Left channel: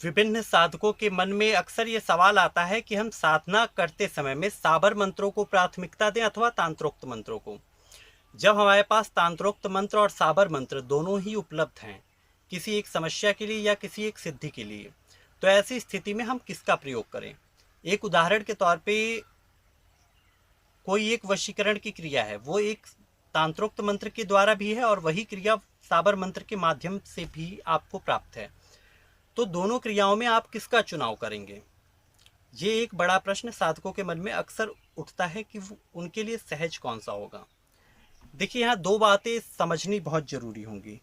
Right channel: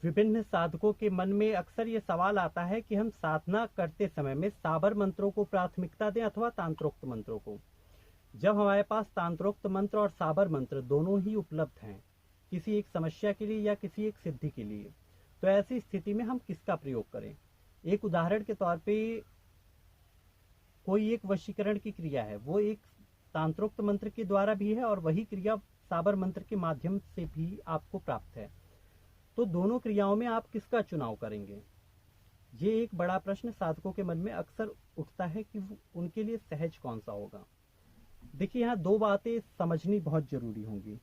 विभिन्न साधकों के मन में अक्सर ये सवाल आता है कि हम साधना करते समय में साबर मंत्रों को प्राथमिकता दें अथवा तांत्रोक्त मंत्रों को। जब हमारे पास तांत्रोक्त मंत्र और साबर मंत्र दोनों ही उपलब्ध हैं किसी एक समस्या के लिए या किसी एक सिद्धि के लिए, तो ऐसी स्थिति में हम किसका प्रयोग करें। एक उदाहरण के तौर पे कोई एक वशीकरण की क्रिया है, वो एक तांत्रोक्त मंत्र के द्वारा भी है और वही क्रिया साबर मंत्र के माध्यम से भी आपको प्राप्त है। तो दोनों क्रियाओं में आप किसका चुनाव करेंगे, ये एक बड़ा प्रश्न साधकों के मन में अक्सर उठता है कि उनके लिए सहज कौन सा होगा। देखिए, यहाँ दो बातें समझनी बहुत जरूरी होंगी।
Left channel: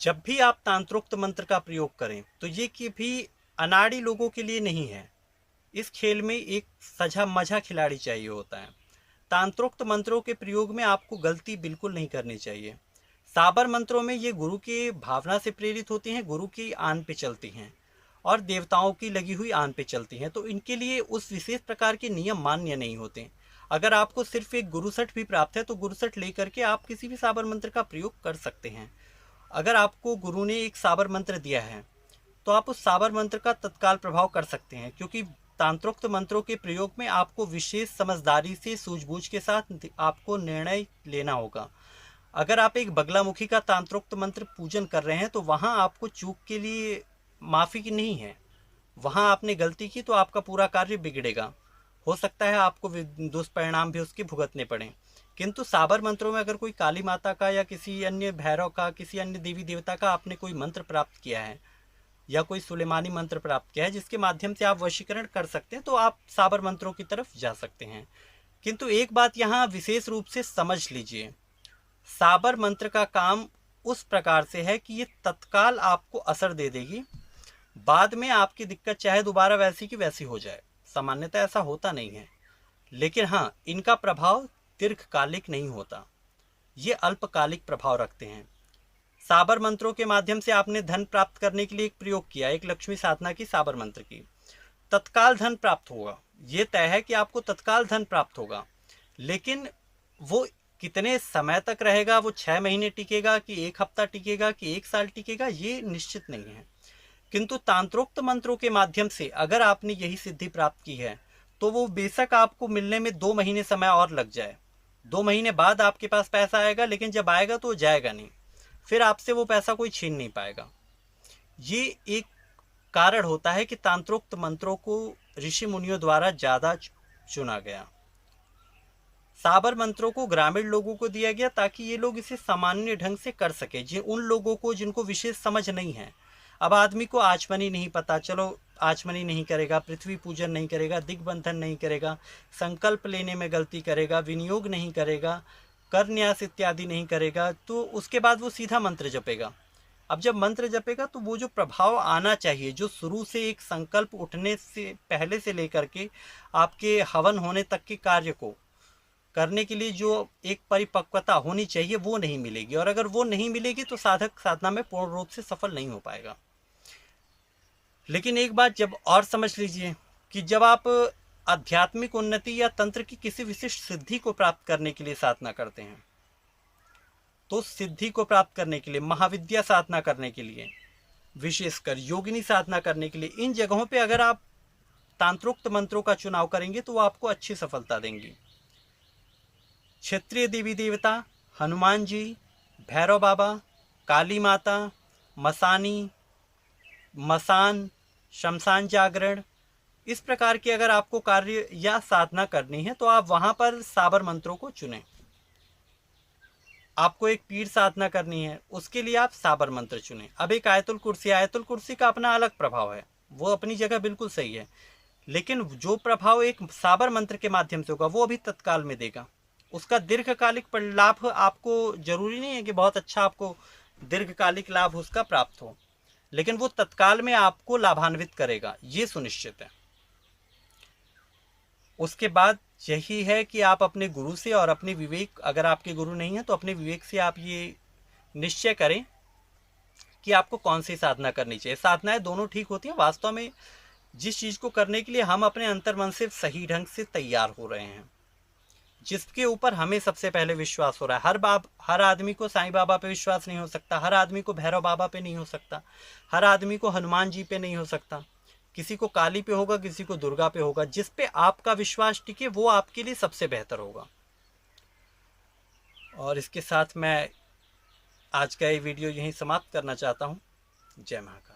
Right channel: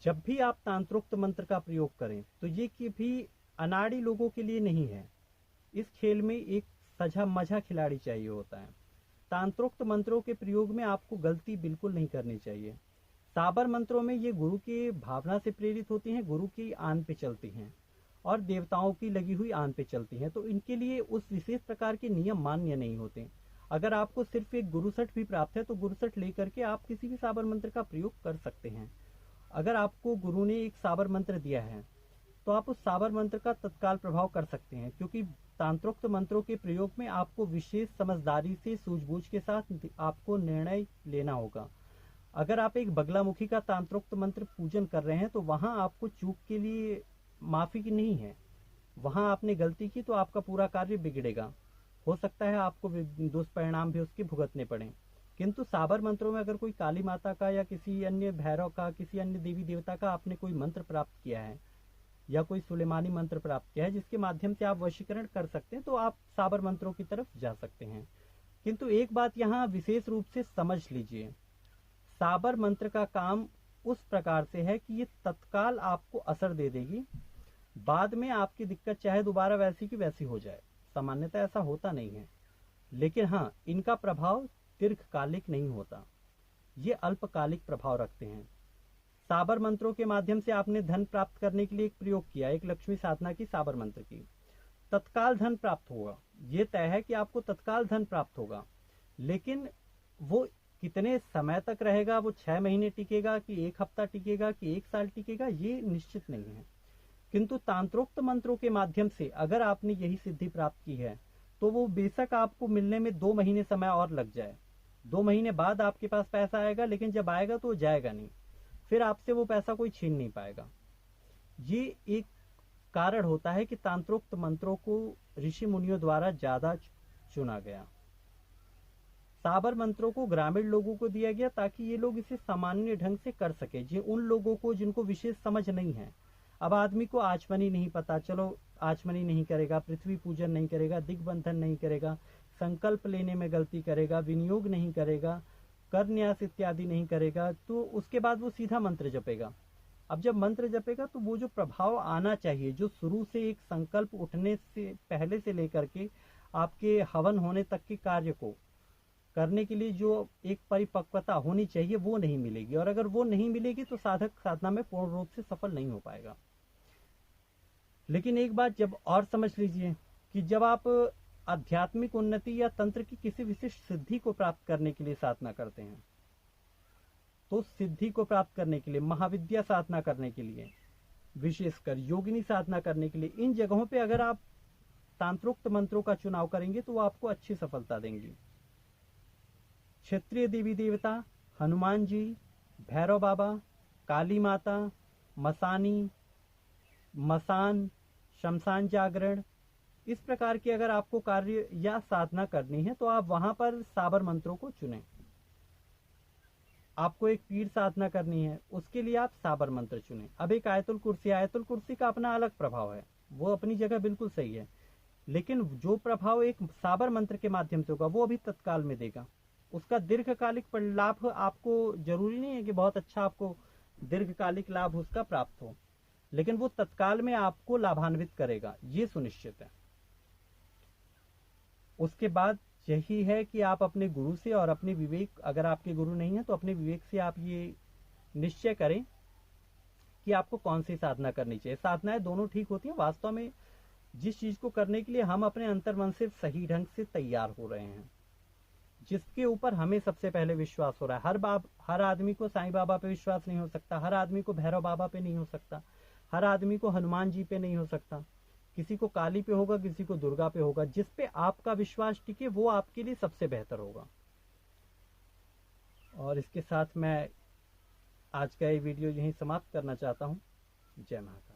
जब भी आप तांत्रोक्त मंत्र का प्रयोग करें तो ये कि भी अनाड़ी लोगों के लिए नहीं है। इस खेल में एक सजा मजा खिलाड़ी चाहिए होता है। तांत्रोक्त मंत्रों के प्रयोग में आपको गलती बिल्कुल नहीं करनी चाहिए। साबर मंत्रों में ये गुरु की भावना से प्रेरित होती हैं, गुरु की आन पे चलती हैं और देवताओं की लगी हुई आन पे चलती हैं, तो इनके लिए उस विशेष प्रकार के नियम मान्य नहीं होते। अगर आपको सिर्फ एक गुरुसठ भी प्राप्त है तो गुरुसठ लेकर के आप किसी भी साबर मंत्र का प्रयोग कर सकते हैं। अगर आपको गुरु ने एक साबर मंत्र दिया है तो आप उस साबर मंत्र का तत्काल प्रभाव कर सकते हैं, क्योंकि तांत्रोक्त मंत्रों के प्रयोग में आपको विशेष समझदारी से सूझबूझ के साथ आपको निर्णय लेना होगा। अगर आप एक बगलामुखी का तांत्रोक्त मंत्र पूजन कर रहे हैं तो वहां आपको चूक के लिए माफी की नहीं है। वहां आपने गलती की तो आपका पूरा कार्य बिगड़ेगा, हो सकता है आपको दुष्परिणाम भी उसके भुगतने पड़े। किंतु साबर मंत्रों में अगर कोई काली माता का या किसी अन्य भैरव का, किसी अन्य देवी देवता का आपने कोई मंत्र प्राप्त किया है या कोई सुलेमानी मंत्र प्राप्त किया है जिसके माध्यम से आप वशीकरण कर सकते हैं, तो आप साबर मंत्रों की तरफ जा सकते हैं। किंतु एक बात यहाँ विशेष रूप से समझ लीजिए, साबर मंत्र का काम उस प्रकार से है कि ये तत्काल आपको असर दे देगी, बाद में आपकी दिक्कत चाहे दोबारा वैसी की वैसी हो जाए। सामान्यतः ऐसा होता नहीं है, लेकिन हाँ, इनका प्रभाव दीर्घकालिक नहीं होता, ये अल्पकालिक प्रभाव रखते हैं। साबर मंत्रों के माध्यम से आपने धन प्राप्त करने के लिए एक प्रयोग किया, एक लक्ष्मी साधना की साबर मंत्र की, तत्काल धन प्राप्त होगा, ये तय है कि आपको तत्काल धन प्राप्त होगा। लेकिन वो कितने समय तक रहेगा, वो 6 महीने टिकेगा कि 1 हफ्ता टिकेगा कि 1 साल टिकेगा, ये निश्चित नहीं है। किंतु तांत्रोक्त मंत्रों के माध्यम से अगर आपने यही सिद्धि प्राप्त की है तो वो बेशक आपको मिलने में 2 महीने समय और लग जाए, 2 महीने बाद आपके पास पैसा आएगा, लेकिन जब आएगा तो जाएगा नहीं, फिर आपसे वो पैसा कोई छीन नहीं पाएगा। ये एक कारण होता है कि तांत्रोक्त मंत्रों को ऋषि मुनियों द्वारा ज्यादा चुना गया। साबर मंत्रों को ग्रामीण लोगों को दिया गया ताकि ये लोग इसे सामान्य ढंग से कर सके, उन लोगों को जिनको विशेष समझ नहीं है। अब आदमी को आचमनी नहीं पता, चलो आचमनी नहीं करेगा, पृथ्वी पूजन नहीं करेगा, दिग्बंधन नहीं करेगा, संकल्प लेने में गलती करेगा, विनियोग नहीं करेगा, कर न्यास इत्यादि नहीं करेगा, तो उसके बाद वो सीधा मंत्र जपेगा। अब जब मंत्र जपेगा तो वो जो प्रभाव आना चाहिए, जो शुरू से एक संकल्प उठने से पहले से लेकर के आपके हवन होने तक के कार्य को करने के लिए जो एक परिपक्वता होनी चाहिए, वो नहीं मिलेगी। और अगर वो नहीं मिलेगी तो साधक साधना में पूर्ण रूप से सफल नहीं हो पाएगा। लेकिन एक बात जब और समझ लीजिए कि जब आप आध्यात्मिक उन्नति या तंत्र की किसी विशिष्ट सिद्धि को प्राप्त करने के लिए साधना करते हैं, तो सिद्धि को प्राप्त करने के लिए, महाविद्या साधना करने के लिए, विशेषकर योगिनी साधना करने के लिए, इन जगहों पे अगर आप तांत्रोक्त मंत्रों का चुनाव करेंगे तो वो आपको अच्छी सफलता देंगी। क्षेत्रीय देवी देवता, हनुमान जी, भैरव बाबा, काली माता, मसानी, मसान, शमशान जागरण, इस प्रकार के अगर आपको कार्य या साधना करनी है तो आप वहां पर साबर मंत्रों को चुनें। आपको एक पीर साधना करनी है, उसके लिए आप साबर मंत्र चुनें। अब एक आयतुल कुर्सी, आयतुल कुर्सी का अपना अलग प्रभाव है, वो अपनी जगह बिल्कुल सही है, लेकिन जो प्रभाव एक साबर मंत्र के माध्यम से होगा वो अभी तत्काल में देगा। उसका दीर्घकालिक लाभ आपको जरूरी नहीं है कि बहुत अच्छा आपको दीर्घकालिक लाभ उसका प्राप्त हो, लेकिन वो तत्काल में आपको लाभान्वित करेगा, ये सुनिश्चित है। उसके बाद यही है कि आप अपने गुरु से और अपने विवेक, अगर आपके गुरु नहीं है तो अपने विवेक से आप ये निश्चय करें कि आपको कौन सी साधना करनी चाहिए। साधनाएं दोनों ठीक होती हैं, वास्तव में जिस चीज़ को करने के लिए हम अपने अंतर्मन से सही ढंग से तैयार हो रहे हैं, जिसके ऊपर हमें सबसे पहले विश्वास हो रहा है। हर आदमी को साईं बाबा पे विश्वास नहीं हो सकता, हर आदमी को भैरव बाबा पे नहीं हो सकता, हर आदमी को हनुमान जी पे नहीं हो सकता, किसी को काली पे होगा, किसी को दुर्गा पे होगा। जिस पे आपका विश्वास टिके वो आपके लिए सबसे बेहतर होगा। और इसके साथ मैं आज का ये वीडियो यहीं समाप्त करना चाहता हूँ। जय महाकाल।